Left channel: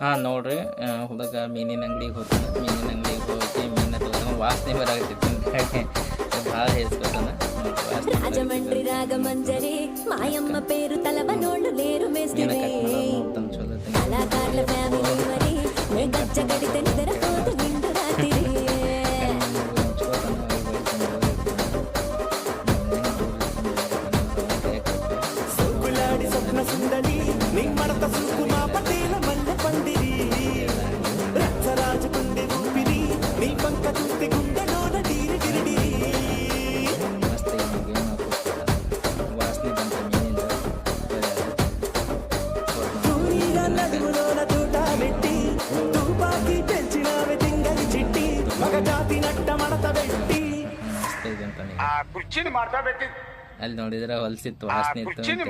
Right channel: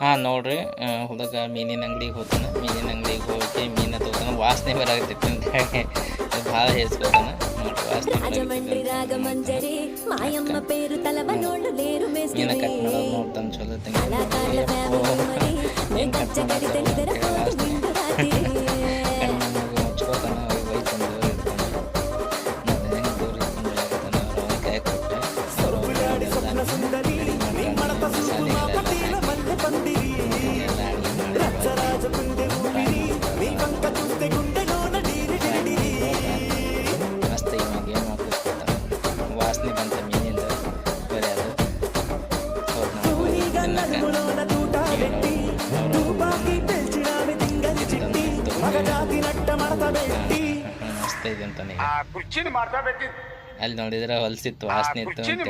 ಹಾಂ ನೋಡ್ರಿ ಹುಡುಗ ಮೀನಿನ ಅಂಗಡಿಗೆ ಹೋಗ್ತಾನೆ. ಮೀನಿನ ಅಂಗಡಿಗೆ ಹೋಗಿ ಮೀನ ತಗೋತಾನೆ. ವಾಸನೆ ಬರಾಕತ್ತೈತಿ ಅಂತ ಹೇಳಿ ಭಾಳ ಹೇಸ್ಕೊತಾನೆ. ನೋಡ್ರಿ ವಾಸನೆ రాజమండ్రి రాగమంజరి మాయమ్మ పేరు తలవనోళ్ళు లేరు ಮೀನ మేస్తిరి ಕಟ್ ಮಾಡೋದು ನೋಡ್ತಾನೆ. ಚಲೋ కళాకారుల ఫ్యామిలీ మరి నే గజ్జ కడితే నిద్రపోదు నిండు రాత్రి ಮುಚ್ಕೋತಾನೆ. ಅವ್ರಿಗೆ ಬೈಕೊಂಡು ಇರ್ತಾನೆ. ಮತ್ತೆ ಹೆಂಗೆ ದೂರ ಇಟ್ಕೊಂಡು ಇರ್ತಾನೆ. ಅವ್ರು ಅವನ ಕೈ ಕೊಟ್ಟರೆ ಅವ್ರು ಅವನ ಎಲ್ಲ ರೆಡಿ ಮಾಡ್ಕೊಂಡು ಮಸಾಲೆಗಳೆಲ್ಲ ಹಾಕಿ ಎಲ್ಲ ಅಡುಗೆ ಮಾಡಿ ಮಸ್ತ್ ಇವಾಗ ಏನು ಹಾಕಿಸ್ಕೊತಾನೆ. ವಾಸನೆ ಬಂತ ಮೀನಿಂದ ಬರೀ ಅದು ಹೋದ್ ನಾವು ತಿನ್ನಕ್ಕೆ ಮಸ್ತ್ ಇದೆ ಅಂತಾನೆ. ಅಲ್ಲಿ ನೋಡಿದ್ರೆ ಹೊಲ್ಸಿತ್ತು ವಾಸನೆ ಇತ್ತು ಅಂತ ಹೇಳಿ.